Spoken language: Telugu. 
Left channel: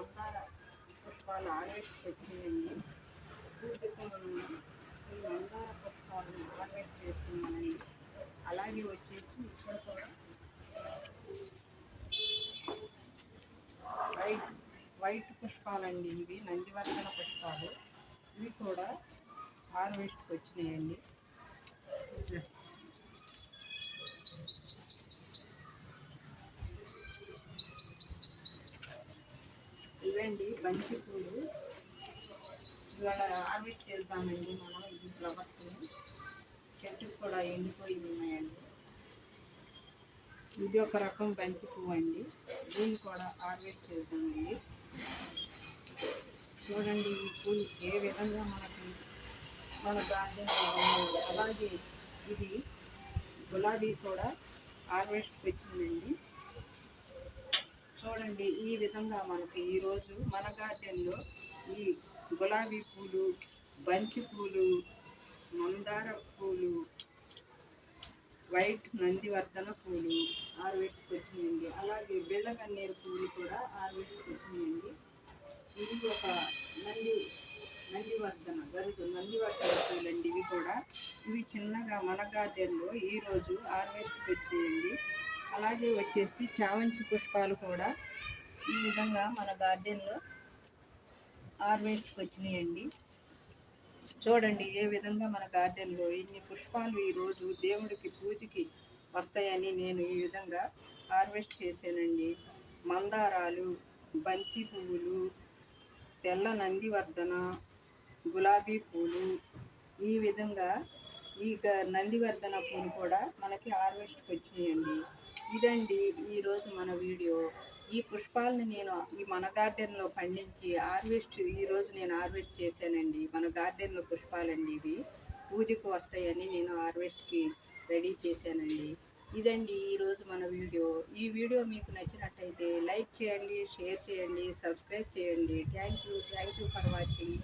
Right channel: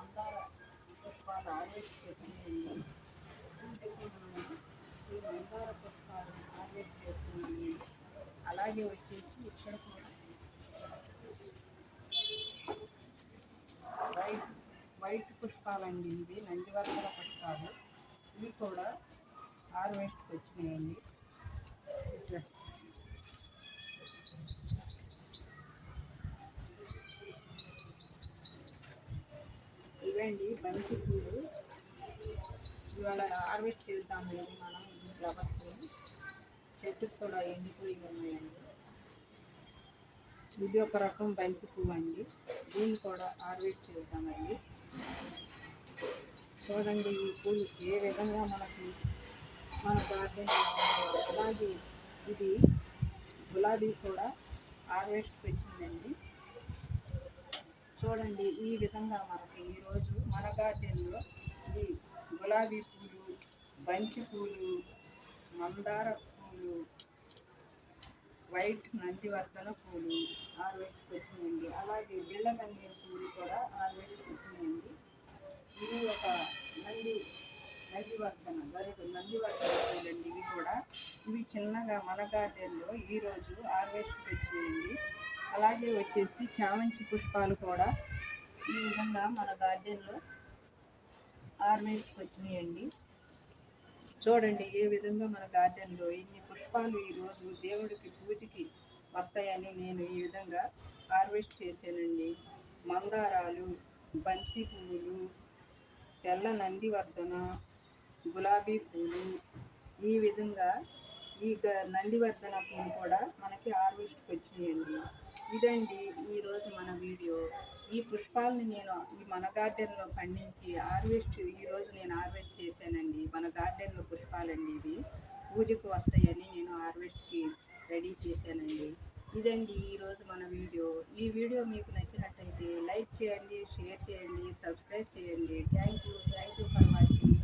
మందార పుష్పాలు హార్వెస్ట్ వచ్చినాయండి. పూజకి మనం ఈ మందార పుష్పాలను హార్వెస్ట్ చేస్తున్నామండి. అలాగే వచ్చేసి ఇక్కడ కూడా వైట్ పుష్పాలండి. ఇవి నందివర్ధన పుష్పాలు. ఇవి కూడా హార్వెస్ట్కి వచ్చినాయండి. ఇవండి బంతి పూలు. ఇవాళ హార్వెస్ట్ చేద్దామండి మనం. ఈ ఫ్లవర్స్ చెట్టుకు కూడా ఎండిపోయి ఉన్నాయండి. ఇది ఒక రకం బంతి పువ్వు అండి. దీన్ని కూడా హార్వెస్ట్ చేద్దామండి. చూడండి ఈ పూలు ఏ విధంగా మనకి మన గార్డెన్లో ఉన్నాయో. అలాగే ఇది గులాబీ కూడా హార్వెస్ట్ వచ్చిందండి. చూడండి ఈ విధంగా మనకి ఈరోజు మన గార్డెన్లో ఈ గులాబీ పూలు, బంతి పూలు, మందార పూలు, వైట్ నందివర్ధన పూలు హార్వెస్ట్ వచ్చినాయండి. అలాగే బిళ్ళగన్నేరు పూలు కూడా హార్వెస్ట్ వచ్చినాయండి. ఇది ఒక నందివర్ధన పూలండి. ఇవి కూడా ఇవి చిన్నగా మన గార్డెన్లో ఈరోజు హార్వెస్ట్ వచ్చినాయండి. అలాగే వచ్చేసి చామంతి పుష్పాలు కూడా ఈ విధంగా మన గార్డెన్లో హార్వెస్ట్ వచ్చినాయండి. చూడండి ఏ విధంగా మన గార్డెన్లో ఇన్ని పుష్పాలు ఈరోజు దేవుడికి పూజకి వస్తాయని నేను ఈ విధంగా హార్వెస్ట్ చేశానండి. మందారాలు, బంతి పువ్వులు, తెల్ల నందివర్ధన, గులాబీ పూలు, ఈ విధంగా ఈ నందివర్ధన పూలు కూడా మనకి హార్వెస్ట్కి వచ్చినాయండి. ఇదండి ఈరోజు మన వీడియో. ఈ పుష్పాలని నేను ఈ మన గార్డెన్లో పండించి ఈరోజు నేను హార్వెస్ట్ చేశానండి. మన గార్డెన్లో పుష్పాలండి. ఇవి పూజకు వస్తాయని నేను హార్వెస్ట్కి రెడీ చేశానండి. ఇదండి ఈరోజు మన వీడియో. ఈ వీడియో మీకు నచ్చినట్టయితే లైక్ చేయండి, షేర్ చేయండి, సబ్స్క్రైబ్ చేయండి. Thank you for watching.